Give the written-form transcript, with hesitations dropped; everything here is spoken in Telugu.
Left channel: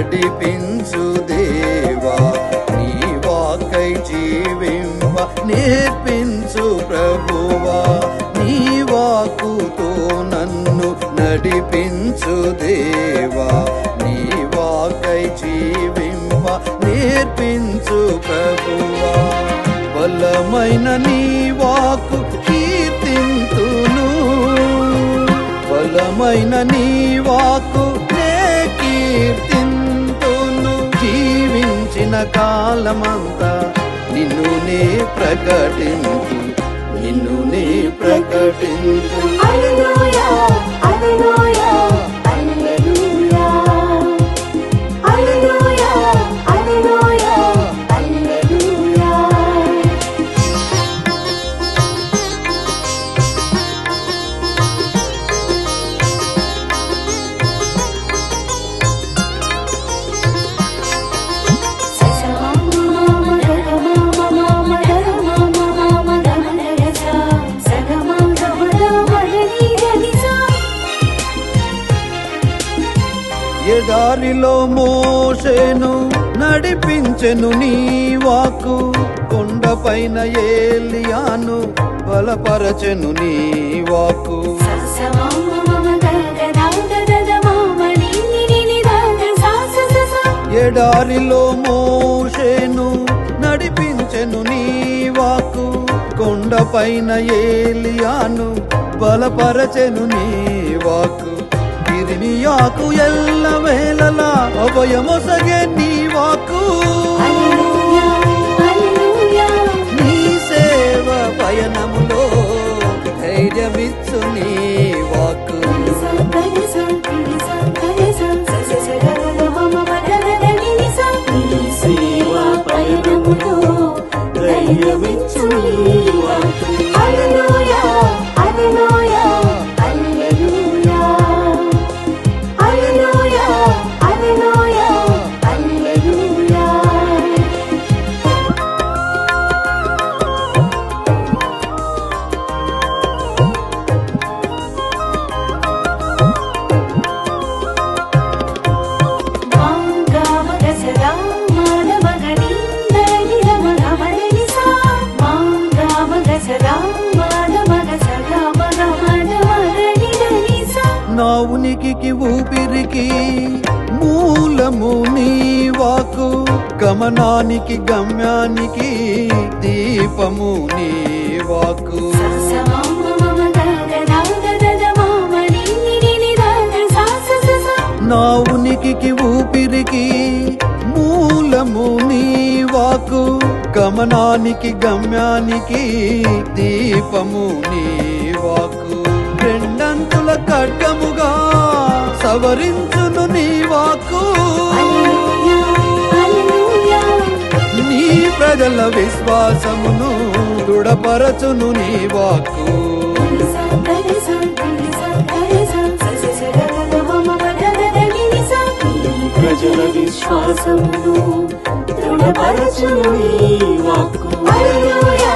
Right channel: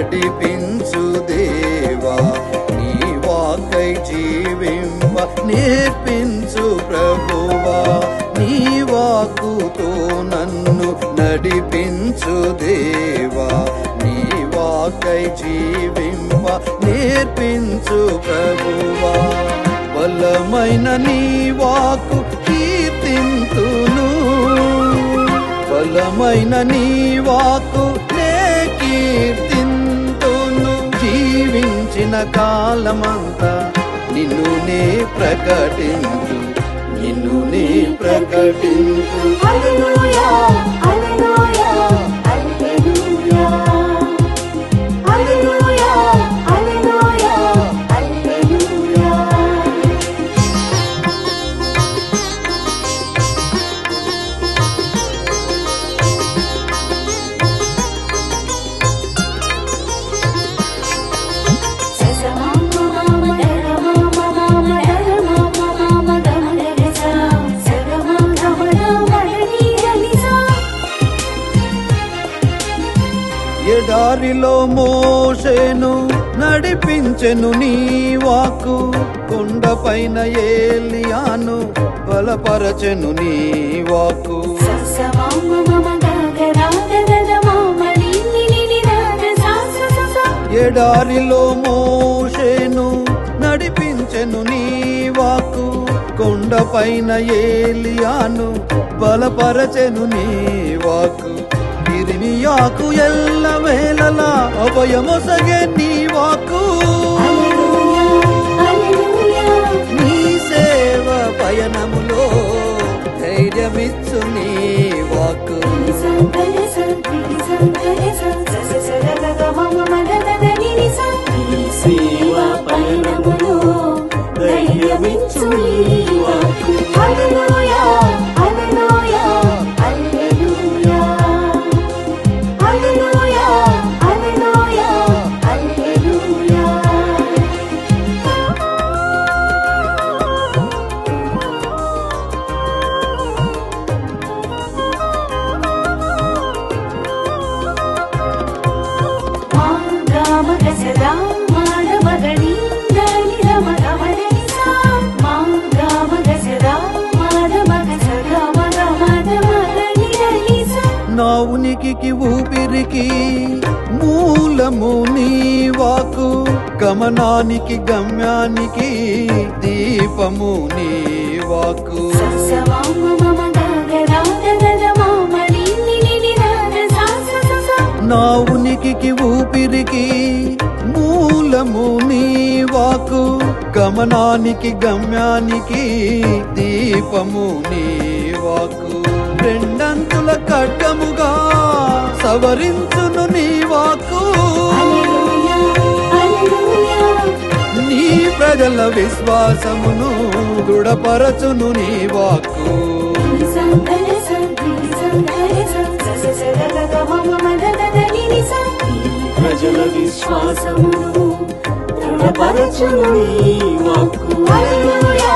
నడిపించు దేవా, నీ వాకై జీవింప నేర్పించు ప్రభువా, నీ వాకుతో నన్ను నడిపించు దేవా, నీ వాకై జీవింప నేర్పించు ప్రభువా. బలమైన నీ వాకు కీర్తింతును, బలమైన నీ వాకు నే కీర్తింతును. జీవించిన కాలమంతా నిన్ను నే ప్రకటింతు, నిన్ను నే ప్రకటింతు. హల్లెలూయా హల్లెలూయా హల్లెలూయా హల్లెలూయా హల్లెలూయా హల్లెలూయా. ఎడారిలో మోషేను నడిపించెను నీ వాకు, కొండపైన ఏలియాను బలపరచెను నీ వాకు. ఎడారిలో మోషేను నడిపించెను నీ వాకు, కొండపైన ఏలియాను బలపరచెను నీ వాకు. ఇర్మియాకు ఎల్ల వేళలా అభయమొసగే నీ వాకు, నీ సేవ పయనములో ధైర్యమిచ్చు నీ వాకు. నీ సేవ పయనములో ధైర్యమిచ్చు నీ వాకు. హల్లెలూయా హల్లెలూయా హల్లెలూయా హల్లెలూయా హల్లెలూయా హల్లెలూయా. నా ఉనికికి ఊపిరికి మూలము నీ వాకు, గమనానికి గమ్యానికి దీపము నీ వాకు. నా ఉనికికి ఊపిరికి మూలము నీ వాకు, గమనానికి గమ్యానికి దీపము నీ వాకు. రెండంతుల ఖడ్గముగా సవరించును నీ వాకు, నీ ప్రజల విశ్వాసమును దృఢపరచును నీ వాకు. ప్రజల విశ్వాసమును దృఢపరచును నీ వాక్కు. హల్లెలూయా